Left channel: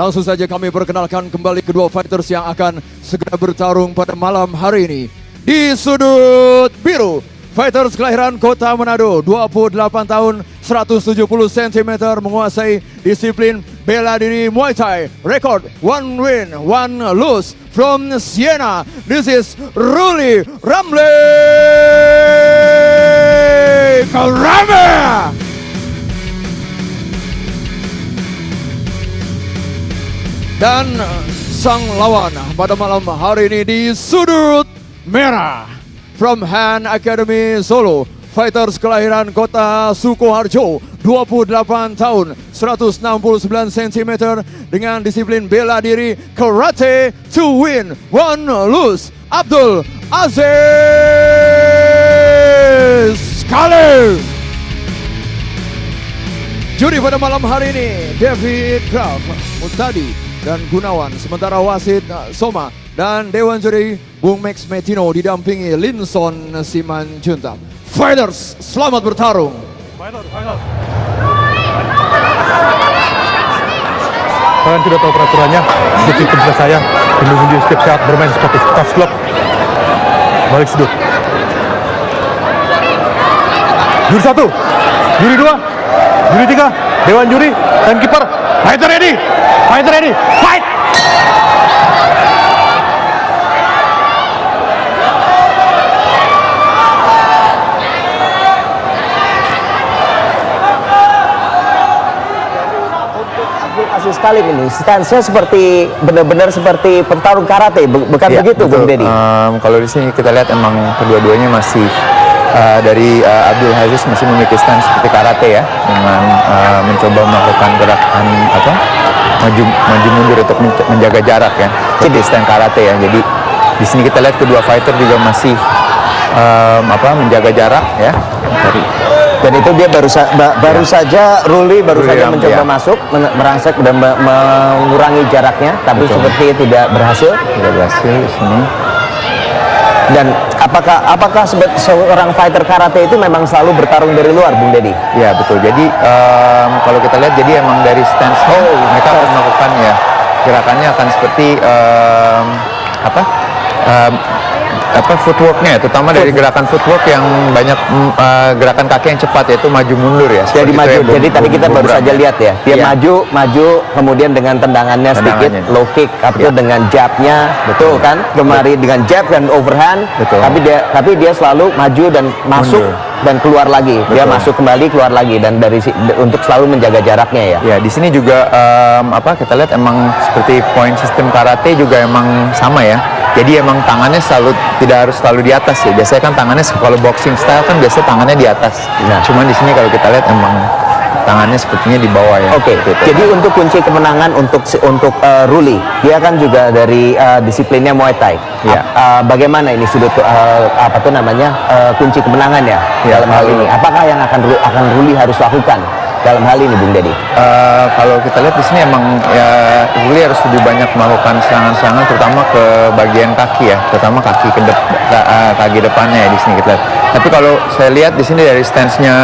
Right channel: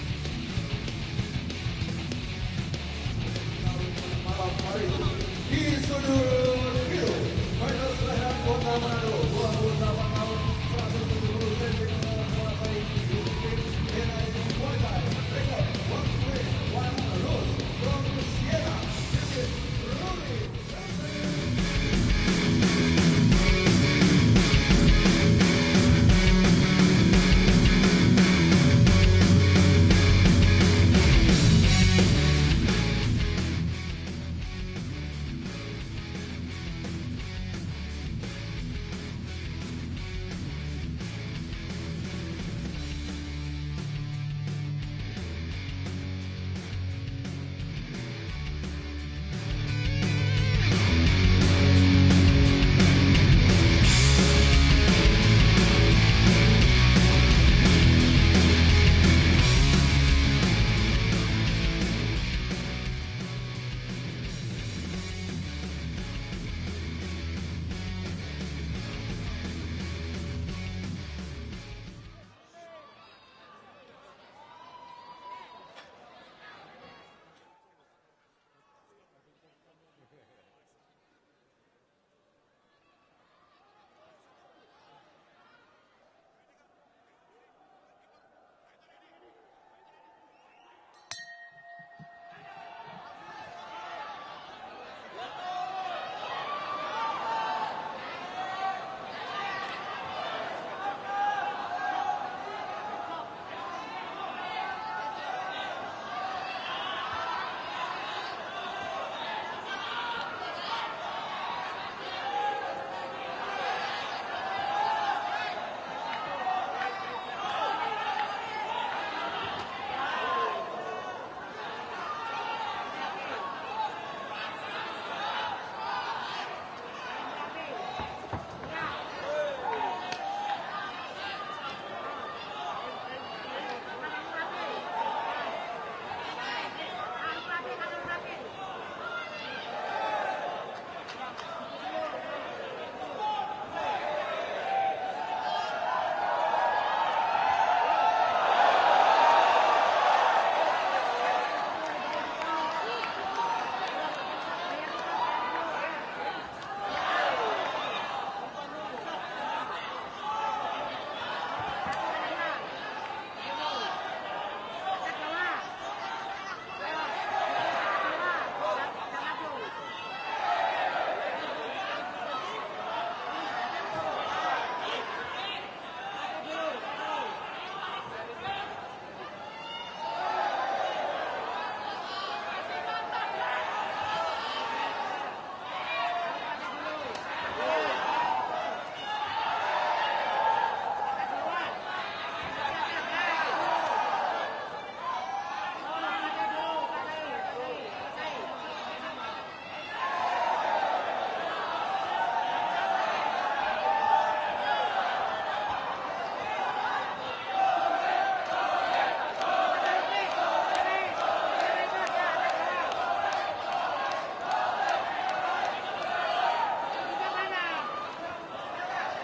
langsung saja kami perkenalkan kembali kedua fighters yang akan segera bertarung pada malam hari ini. Di sudut biru, fighters kelahiran Kota Manado, 28 tahun, 170 cm, menguasai disiplin bela diri Muay Thai. Record 1 win, 1 lose from Siena. This is Ruli Ramle Karame. Dan sang lawan pada malam hari ini di sudut merah, from Han Academy Solo, fighters kelahiran Kota Sukoharjo, 28 tahun, 169 cm, dengan disiplin bela diri karate, 2 win, 1 lose, Abdul Aziz Khalil. Juri pada malam hari ini David Graf, Mustadi dan Gunawan. Sementara wasit Soma dan Dewan Juri Bung Max Metino didampingi Linson Simanjuntak. Fighters, selamat bertarung. Kalian sudah tahu peraturannya. Seperti tim saya, menunggu setiap saat bermain seperti tas klub. Balik sudut. Juri 1, juri 2, juri 3, Dewan Juri, dan kiper. Fighter ready! Fighter ready! Fight! Aziz Khalil ini stance-nya seperti benar-benar seperti petarung karate, bukan ya, begitu, Bung Deddy? Kalau di sini kita lihat emang kedua-duanya masih dari Abdul Aziz masih memiliki stance seperti karate ya, dengan mencoba melakukan gerakan maju mundur untuk menjaga jarak ya, seperti stance karate ya. Jadi di sini kita lihat kedua fighter juga masih menjaga jarak ya. Dan itu dia baru saja Ruli saja mencoba masuk, merangsek dan mengurangi jaraknya, tapi seperti tidak berhasil. Tidak berhasil di sini. Dan apakah seorang fighter karate itu memang selalu bertarung dari luar, Bung Deddy? Ya betul. Jadi kalau kita lihat, jadi emang dari stance mereka akan melakukan ya gerakannya akan seperti footworknya, terutama dari gerakan footwork yang banyak gerakan kaki yang cepat, yaitu maju mundur ya. Jadi maju. Jadi tadi kita baru saja lihat ya, dia maju, kemudian dengan tendangannya sedikit low kick, dengan jabnya, betul kan? Kemari dengan jab dan overhand, betul. Tapi dia selalu maju dan masuk dan keluar lagi. Betul. Dia masuk kembali, keluar lagi, dan untuk selalu menjaga jaraknya ya. Ya, di sini juga kita lihat emang seperti point system karate juga emang sama ya. Jadi emang tangannya tidak harus selalu di atas ya. Biasanya kan tangannya kalau boxing style kan biasanya tangannya di atas. Nah, cuman di sini kalau kita lihat emang tangannya sepertinya di bawah ya. Oke. Jadi untuk kunci kemenangan untuk Ruli, dia kan juga dari disiplinnya Muay Thai. Ya. Bagaimana ini sudut kunci kemenangan ya dalam hal ini? Apakah yang akan Ruli harus lakukan dalam hal ini, Bung Deddy? Kalau kita lihat di sini emang ya Ruli harus lebih banyak melakukan serangan-serangan, terutama ke bagian kaki ya, terutama kaki depannya ya di sini kita lihat. Tapi kalau saya lihat di sini dari stance-nya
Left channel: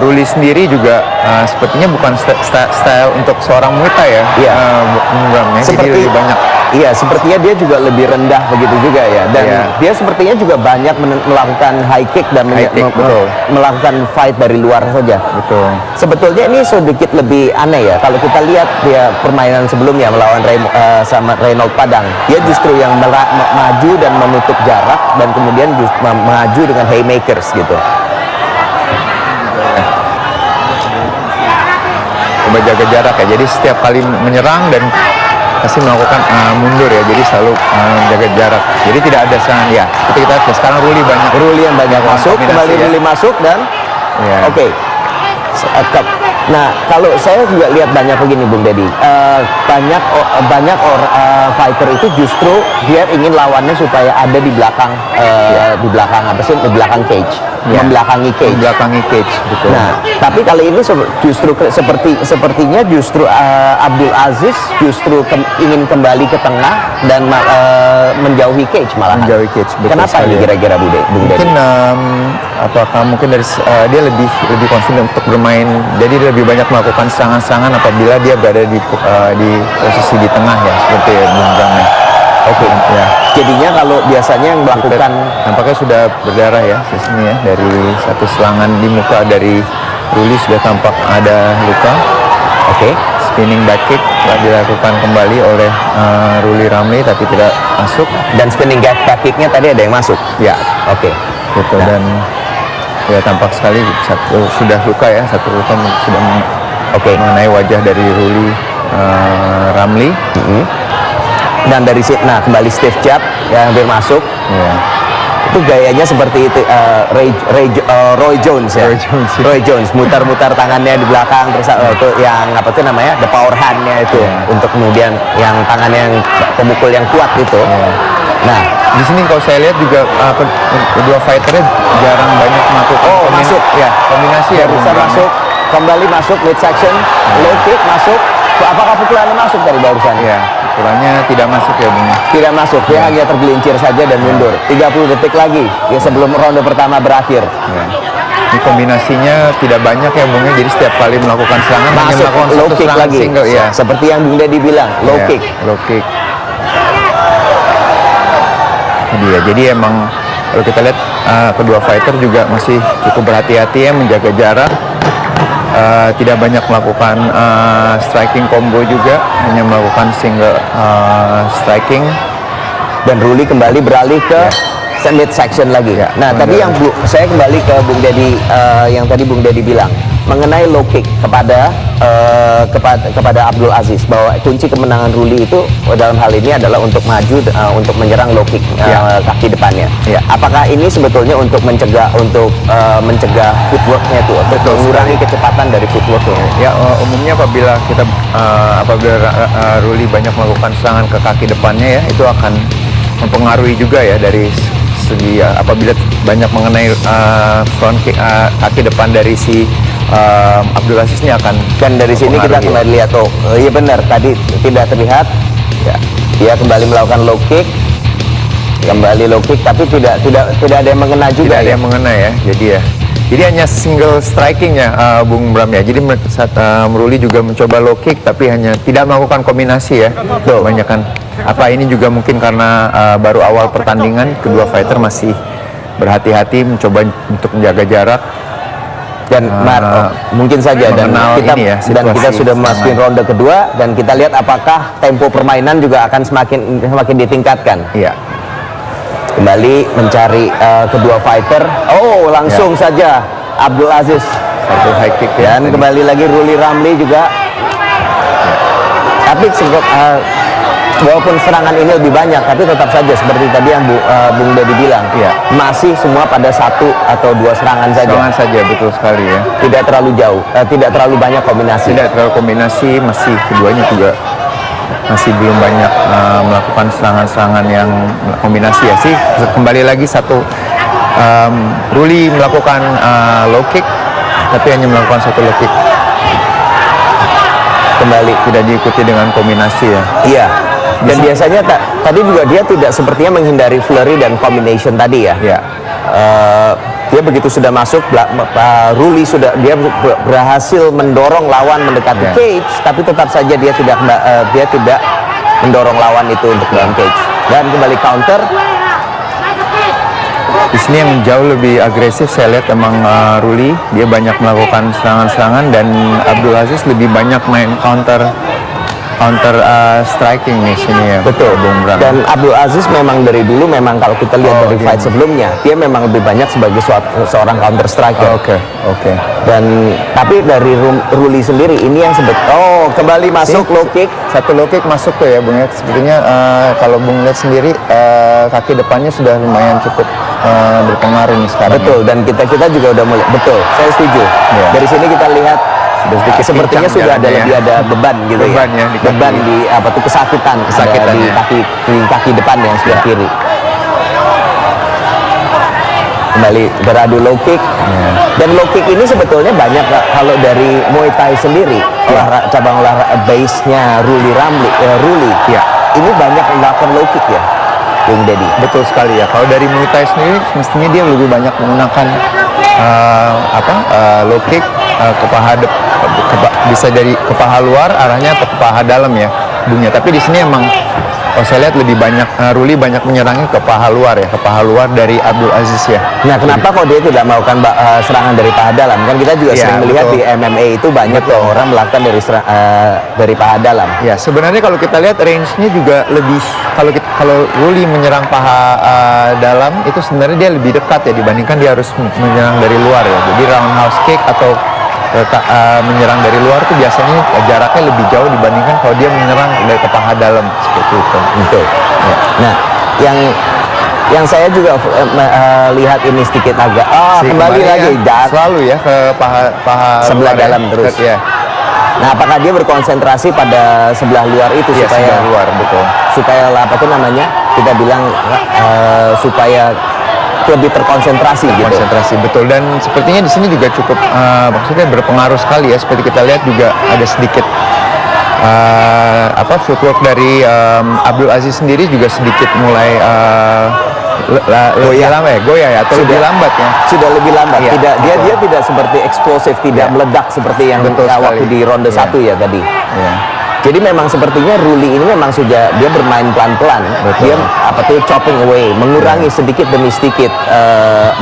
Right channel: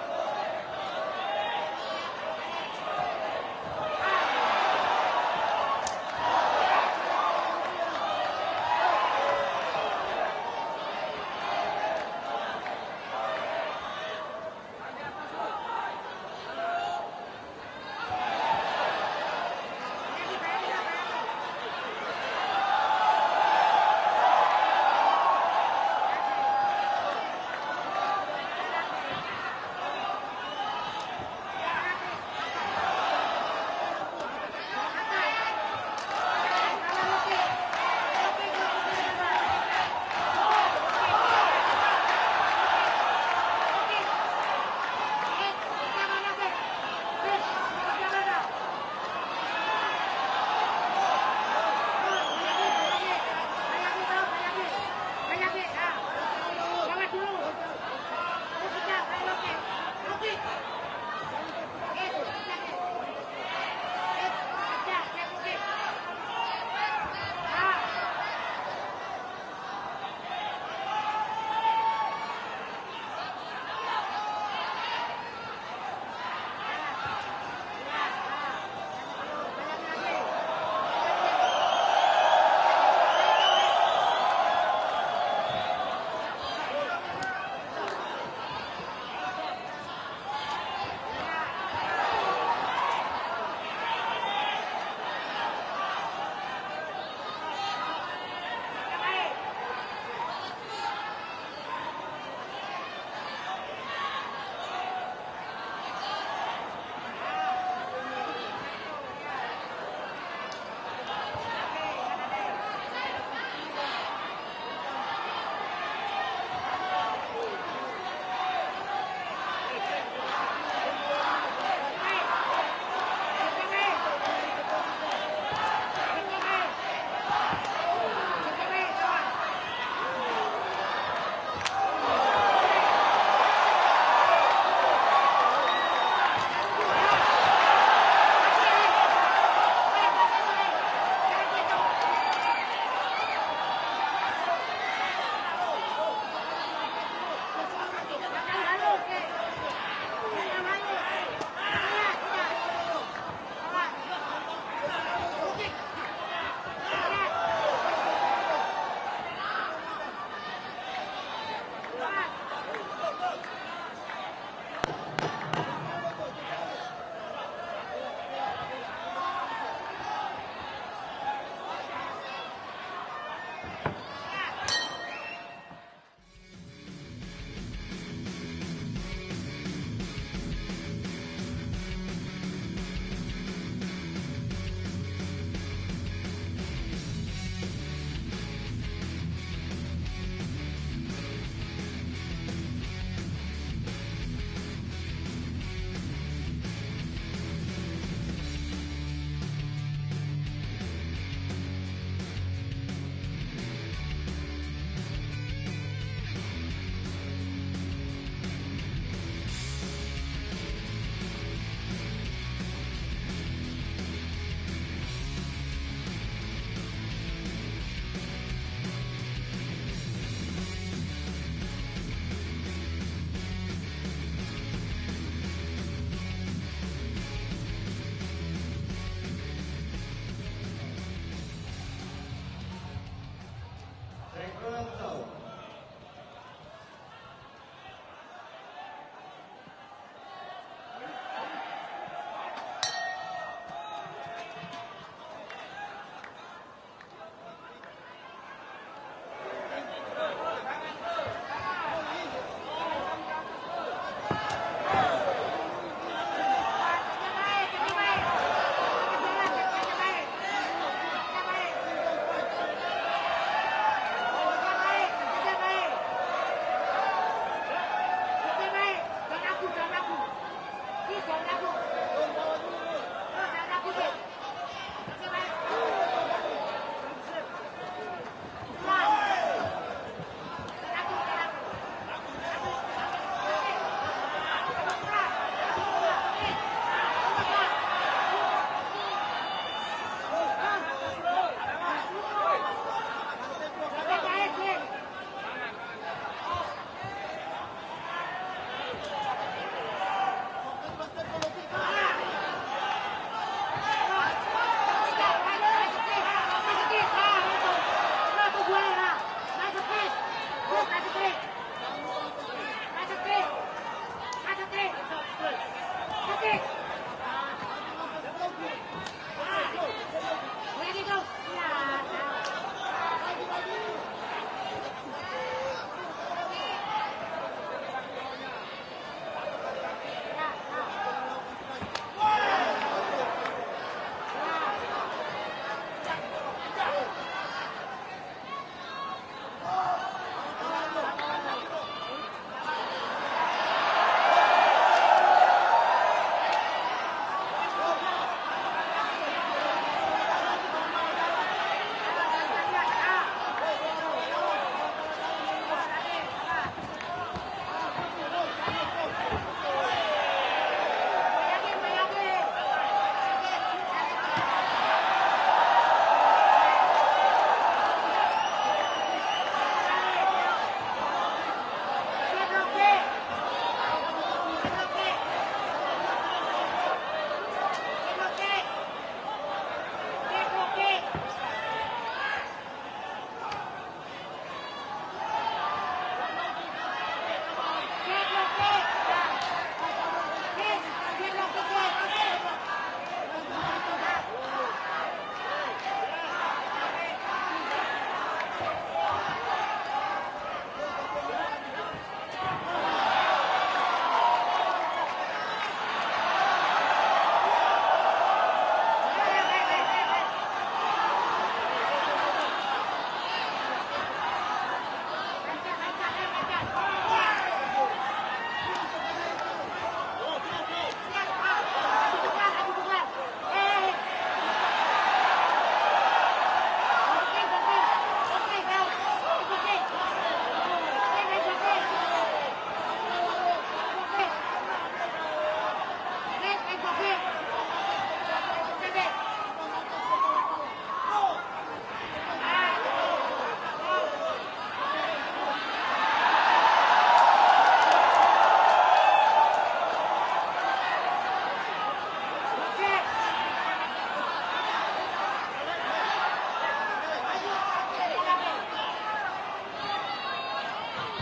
Ruli sendiri juga sepertinya bukan style untuk seorang Muay Thai ya. Iya. Jadi lebih banyak. Iya, sepertinya dia juga lebih rendah begitu juga ya. Dan dia sepertinya juga banyak melakukan high kick dan melakukan fight dari luar saja. Betul. Sebetulnya ini sedikit lebih aneh ya. Kalau kita lihat dia permainan sebelumnya melawan sama Reynold Padang, dia justru yang maju dan menutup jarak, dan kemudian maju dengan haymakers gitu. Coba jaga jarak ya. Jadi setiap kali menyerang dan pasti melakukan mundur ya, jadi selalu menjaga jarak. Jadi tidak ada serangan ya. Seperti kita lihat sekarang Ruli yang banyak masuk, kembali Ruli masuk dan oke. Nah, kalau saya juga lihat banyak begini, Bung Deddy, banyak fighter itu justru dia ingin lawannya supaya ada di belakang cage. membelakangi Cage. Membelakangi Cage, betul. Nah, tapi kali ini justru sepertinya justru Abdul Aziz justru ingin kembali ke tengah dan menjauhi Cage malah. Menjauhi Cage, betul. Kenapa ini kira-kira Bung Dedi? Mungkin apakah mungkin dari dia lebih confident untuk bermain, jadi dia lebih banyak melakukan serangan-serangan apabila dia berada di posisi di tengah ya, seperti Bung Bram ya. Oke. Ya. Jadinya kalau biasanya yang melakukan nampaknya sudah berdarah ya di sini ya, dari satu serangan di muka dari Ruli sudah tampak ada luka. Oke. Spinning back kick dilakukan kembali oleh Ruli Ramli tapi tidak masuk. Dan spinning back kicknya tadi ada yang masuk. Ya, oke. Gitu. Nah. Dan ya tampak sekali sudah luka ya, satu luka sudah mengenai wajah dari Ruli Ramli. Dan dari situ, nah kembali Steve Jab yang hampir masuk. Ya. Itu gayanya seperti itu, Roy Jones ya. Roy Jones mutar-mutar tangannya di belakang terus itu yang apa tuh namanya, the power hand-nya itu untuk kemudian yang tangannya yang pemukul yang kuat itu. Nah, di sini kalau saya lihat juga kedua fighternya jarang banyak melakukan masuk ya, kombinasi ya, bisa masuk, kembali masuk midsection, low kick masuk. Apakah pukulannya masuk dari barusan? Ya, pukulannya tidak masuk ya, Bung. Tidak masuk, dia hanya tergelincir saja dan mundur. 30 detik lagi ya sebelum ronde pertama berakhir. Ya. Ini kombinasinya tidak banyak ya, Bung. Jadi setiap kali melakukan serangan hanya masuk melakukan low satu kick serangan lagi. single ya. Seperti yang Bung Dedi bilang, low Ya, kick. Low kick. Jadi emang kalau kita lihat kedua fighter juga masih cukup berhati-hati ya, menjaga jarak. Tidak banyak melakukan striking combo juga, hanya melakukan single striking. Dan Ruli kembali beralih ke midsection lagi. Ya, nah, tadi yang saya kembali ke Bung Dedi, yang tadi Bung Dedi bilang mengenai low kick kepada Abdul Aziz, bahwa kunci kemenangan Ruli itu dalam hal ini adalah untuk maju untuk menyerang low kick kaki depannya. Ya. Apakah ini sebetulnya untuk mencegah footworknya itu, untuk mengurangi kecepatan dari footworknya? Ya, umumnya apabila Ruli banyak melakukan serangan ke kaki depannya ya, itu akan mempengaruhi juga ya dari segi apabila banyak mengenai front kick, kaki depan dari si Abdul Aziz ini akan, dan dari sini kita kembali lihat iya benar tadi tidak terlihat ya, dia kembali melakukan low kick, kembali low kick tapi tidak ada yang mengena juga. Tidak ada yang mengena ya, jadi hanya single striking ya, Bung Bram ya. Jadi saat Ruli juga mencoba low kick tapi hanya tidak melakukan kombinasi ya. Kebanyakan ini juga mungkin karena baru awal pertandingan, kedua fighter masih berhati-hati mencoba untuk menjaga jarak. Dan mungkin saja dan kita sudah memasuki ronde kedua dan kita lihat apakah tempo permainan juga akan semakin ditingkatkan. Iya. Kembali mencari kedua fighter. Langsung saja Abdul Aziz satu high kick ya, dan kembali lagi Ruli Ramli juga. Tapi walaupun serangan ini lebih banyak, tapi tetap saja seperti tadi yang Bung Dedi bilang, masih semua pada satu atau dua serangan saja. Serangan saja, betul sekali ya. Tidak terlalu jauh, tidak terlalu banyak kombinasi. Tidak terlalu kombinasi, masih keduanya juga masih belum banyak melakukan serangan-serangan yang kombinasi ya. Kembali lagi Ruli melakukan low kick, tapi hanya melakukan satu low kick. Kembali tidak diikuti dengan kombinasi ya. Iya. Dan biasanya tadi juga dia tidak sepertinya menghindari flurry dan combination tadi ya. Iya. Dia begitu sudah masuk, Ruli dia berhasil mendorong lawan mendekati cage, tapi tetap saja dia tidak mendorong lawan itu untuk dalam cage. Dan kembali counter. Di sini yang jauh lebih agresif saya lihat emang Ruli, dia banyak melakukan serangan-serangan dan Abdul Aziz lebih banyak main counter striking nih sini ya. Betul, Bung Bram. Dan Abdul Aziz memang dari dulu kalau kita lihat dari fight sebelumnya, dia memang lebih banyak sebagai seorang counter striker. Oke. Dan tapi dari Ruli sendiri ini yang kembali masuk low kick. Satu low kick masuk tuh ya, Bung ya. Sepertinya kalau Bung lihat sendiri kaki depannya sudah lumayan cukup berpengaruh nih sekarang. Betul, dan kita juga udah mulai. Betul, saya setuju. Dari sini kita lihat sepertinya sudah lebih ada beban gitu ya. Beban di kesakitan di kaki depan yang sebelah kiri. kembali beradu low kick. Dan low kick ini sebetulnya banyak kalau dari Muay Thai sendiri, cabang olahraga base-nya Ruli Ramli, ini banyak melakukan low kick ya, Bung Dedi. Betul sekali ya. Kalau dari Muay Thai sendiri, mestinya dia lebih banyak menggunakan low kick ke paha bisa dari ke paha luar arahnya atau ke paha dalam ya, Bungnya. Tapi di sini emang saya lihat lebih banyak Ruli banyak menyerangnya ke paha luar ya, ke paha luar dari Abdul Aziz ya. Nah, kenapa kok dia tidak melakukan serangan dari paha dalam? Kan kita juga sering melihat di MMA itu banyak orang melakukan dari paha dalam. Ya, sebenarnya kalau kita lihat range-nya juga lebih, kalau Ruli menyerang paha dalam itu sebenarnya dia lebih dekat ya dibandingkan dia harus menyerang dari luar ya. Jadi roundhouse kick atau menyerang dari luar tuh biasanya jaraknya lebih jauh dibandingkan kalau dia menyerang dari ke paha dalam seperti itu. Betul. Ya. Nah, yang saya juga lihat ini sedikit agak kembali lagi selalu ya ke paha sebelah luar dalam terus. Ya. Nah, apakah dia berkonsentrasi pada sebelah luar itu Ya, supaya sebelah luar, betul. Supaya apa tuh namanya? Kita bilang supaya lebih terkonsentrasi gitu. Betul. Dan sepertinya di sini juga cukup maksudnya berpengaruh sekali ya. Seperti kita lihat juga ada sedikit footwork dari Abdul Aziz sendiri juga sedikit mulai goyah ya atau lebih lambat ya. Sudah lebih lambat. Ya, dia tidak seperti eksplosif, tidak meledak seperti yang waktu di ronde 1 ya tadi. Ya. Jadi memang sepertinya Ruli ini memang sudah dia bermain pelan-pelan. Dia chopping away, mengurangi sedikit demi sedikit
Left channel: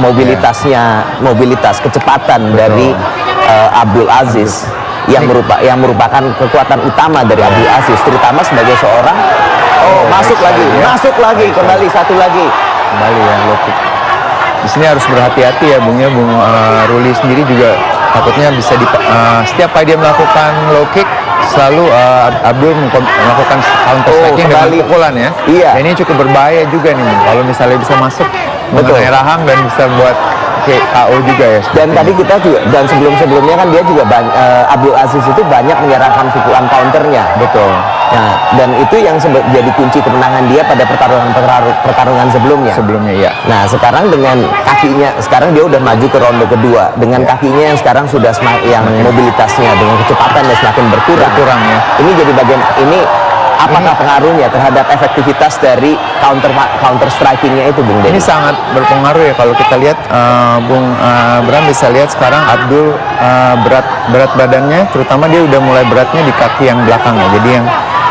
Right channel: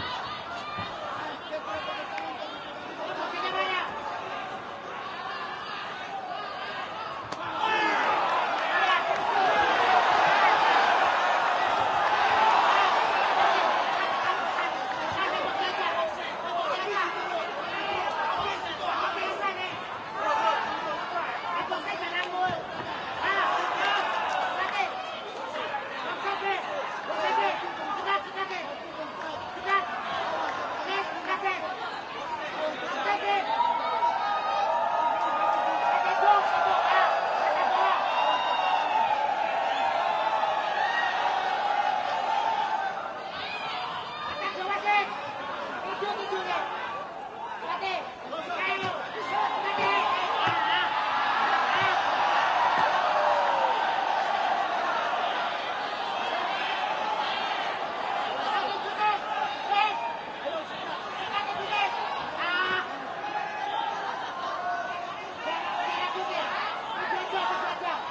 mobilitas kecepatan dari Abdul Aziz yang merupakan kekuatan utama dari Abdul Aziz, terutama sebagai seorang masuk lagi kembali satu lagi. Kembali ya low kick. Di sini harus berhati-hati ya Bung Ruli sendiri juga takutnya bisa setiap kali dia melakukan low kick selalu Abdul melakukan counter striking dengan pukulan ya. Iya. Dan ini cukup berbahaya juga nih kalau misalnya bisa masuk mengenai rahang dan bisa buat KO juga ya. Dan tadi kita juga sebelumnya kan dia juga Abdul Aziz itu banyak menyerahkan pukulan counternya. Betul. Nah, dan itu yang jadi kunci kemenangan dia pada pertarungan sebelumnya. Iya. Nah, sekarang dengan kakinya, sekarang dia udah maju ke ronde kedua dengan kakinya yang sekarang sudah yang mobilitasnya dengan kecepatannya semakin berkurang ya. Ini jadi apakah pengaruhnya terhadap efektivitas dari counter strikingnya itu, Bung Denny? Ini sangat berpengaruh ya kalau kita lihat Bung Bram bisa lihat sekarang Abdul berat badannya, terutama dia udah mulai beratnya di kaki yang belakang ya.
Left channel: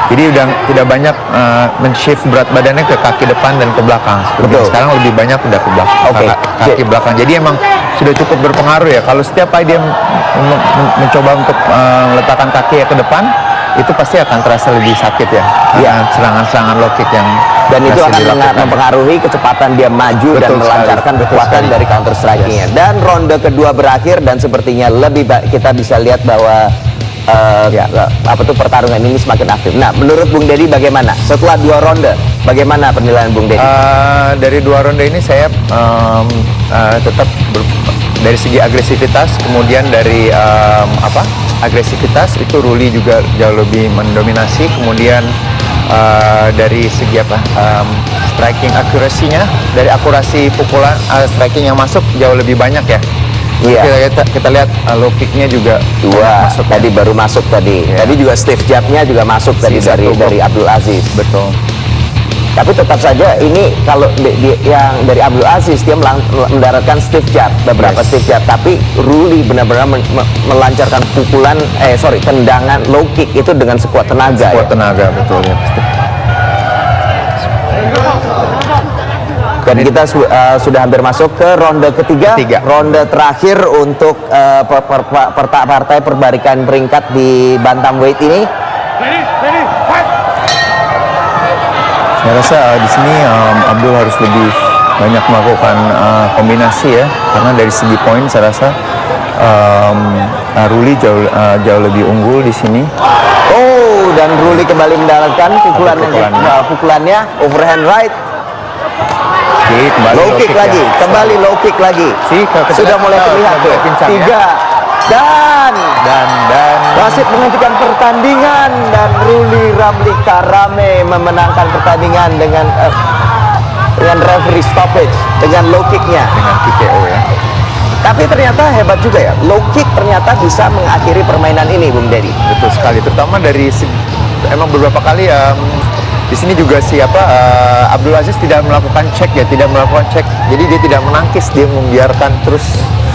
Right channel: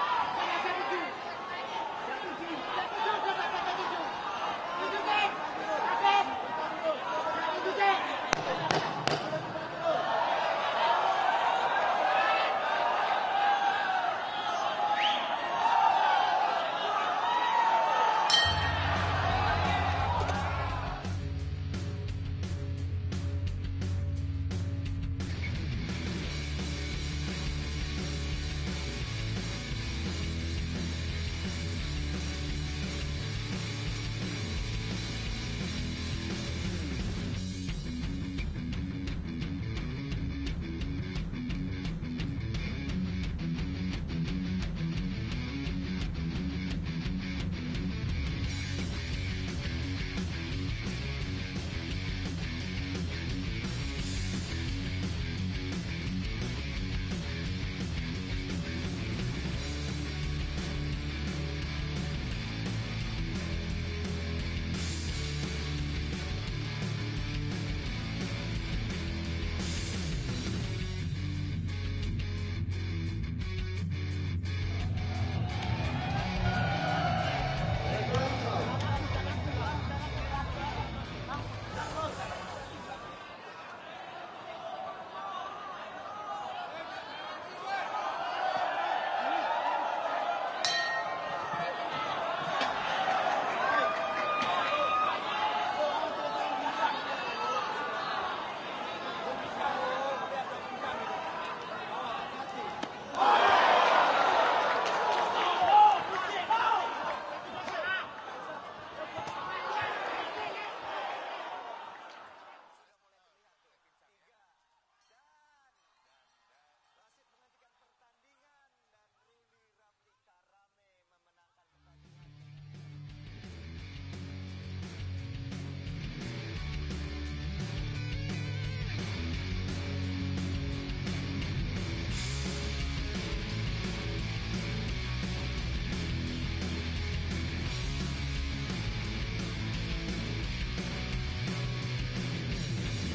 Jadi udah tidak banyak men-shift berat badannya ke kaki depan dan ke belakang. Betul. Sekarang lebih banyak udah ke belakang, kaki belakang. Jadi emang sudah cukup berpengaruh ya. Kalau setiap kali dia mencoba untuk meletakkan kaki ke depan, itu pasti akan terasa lebih sakit ya. Serangan-serangan low kick yang dan itu akan mempengaruhi kecepatan dia maju dan melancarkan kekuatan dari counter strikingnya. Dan ronde kedua berakhir dan sepertinya lebih kita bisa lihat bahwa pertarungan ini semakin aktif. Nah, menurut Bung Dedi bagaimana? Setelah 2 ronde, bagaimana penilaian Bung Dedi? Dari 2 ronde ini saya tetap dari segi agresivitas, kemudian dari agresivitas itu Ruli juga jauh lebih mendominasi, kemudian dari segi striking akurasinya, dari akurasi pukulan striking yang masuk jauh lebih banyak ya. Iya. Kita lihat low kicknya juga 2 masuk tadi ya. Baru masuk tadi. Yeah. Tadi juga stiff jabnya juga masuk tadi dari Abdul Aziz. Betul. Tapi tetap saja ini kalau yang dari Abdul Aziz dia mendaratkan stiff jab, beberapa stiff jab, tapi Ruli benar-benar melancarkan tendangan low kick itu dengan sekuat tenaga. Tenaga, betul ya. Dan kita sudah hampir masuk ke ronde ketiga. Ronde terakhir untuk partai perbaikan peringkat di bantamweight ini. Saya rasa di sini Abdul harus lebih banyak melakukan kombinasi ya, karena dari segi poin saya rasa Ruli jauh lebih unggul di sini. Dan Ruli kembali mendapatkan pukulannya overhand right. Low kick lagi, kembali low kick lagi. Sudah mulai terlihat tuh. 3 dan wasit menghentikan pertandingan dan Ruli Ramli Karame memenangkan pertandingan dengan dengan referee stoppage, dengan low kicknya. Dengan TKO ya. Tapi ternyata hebat juga ya, low kick ternyata bisa mengakhiri permainan ini, Bung Dedi. Betul sekali, terutama dari emang beberapa kali di sini juga Abdul Aziz tidak melakukan cek ya, tidak melakukan cek. Jadi dia tidak menangkis, dia membiarkan terus.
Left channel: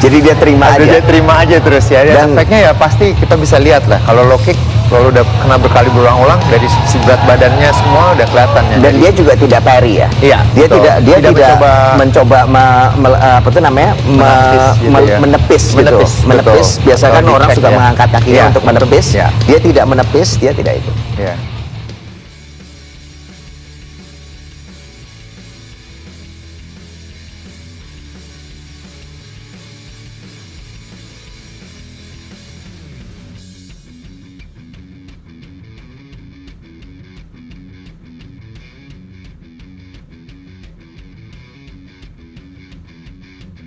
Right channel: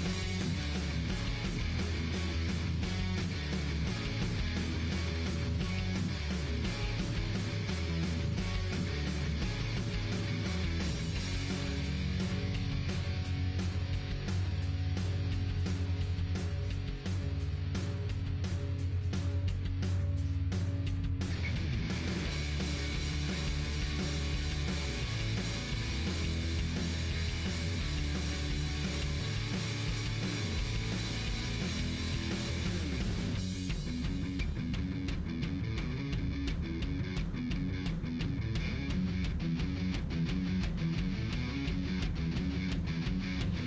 Jadi dia terima aja. Dia terima aja terus ya. Dan efeknya ya pasti kita bisa lihat lah. Kalau low kick, kalau udah kena berkali berulang-ulang dari sisi berat badannya semua udah kelihatan ya. Dan dia juga tidak parry ya. Iya. Dia betul. tidak mencoba apa itu namanya menepis gitu. Menepis. Biasa kan orang suka mengangkat kakinya untuk menepis. Ya. Dia tidak menepis, dia tidak itu. Ya.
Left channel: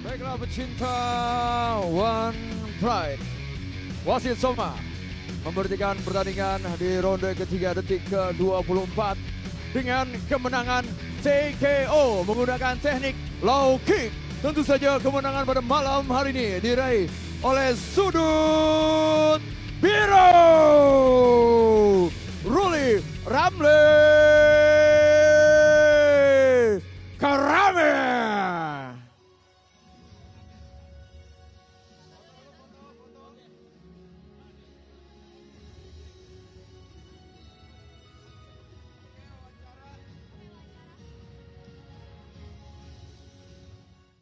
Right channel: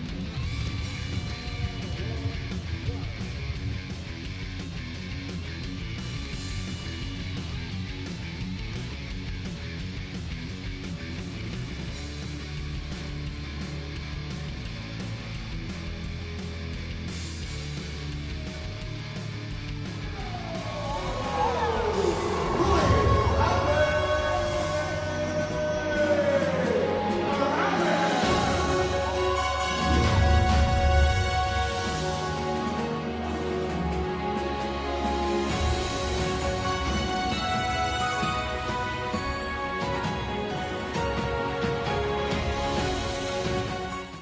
Baiklah pecinta One Pride, wasit Soma memberhentikan pertandingan di ronde ketiga detik ke-24 dengan kemenangan TKO menggunakan teknik low kick. Tentu saja kemenangan pada malam hari ini diraih oleh Sudut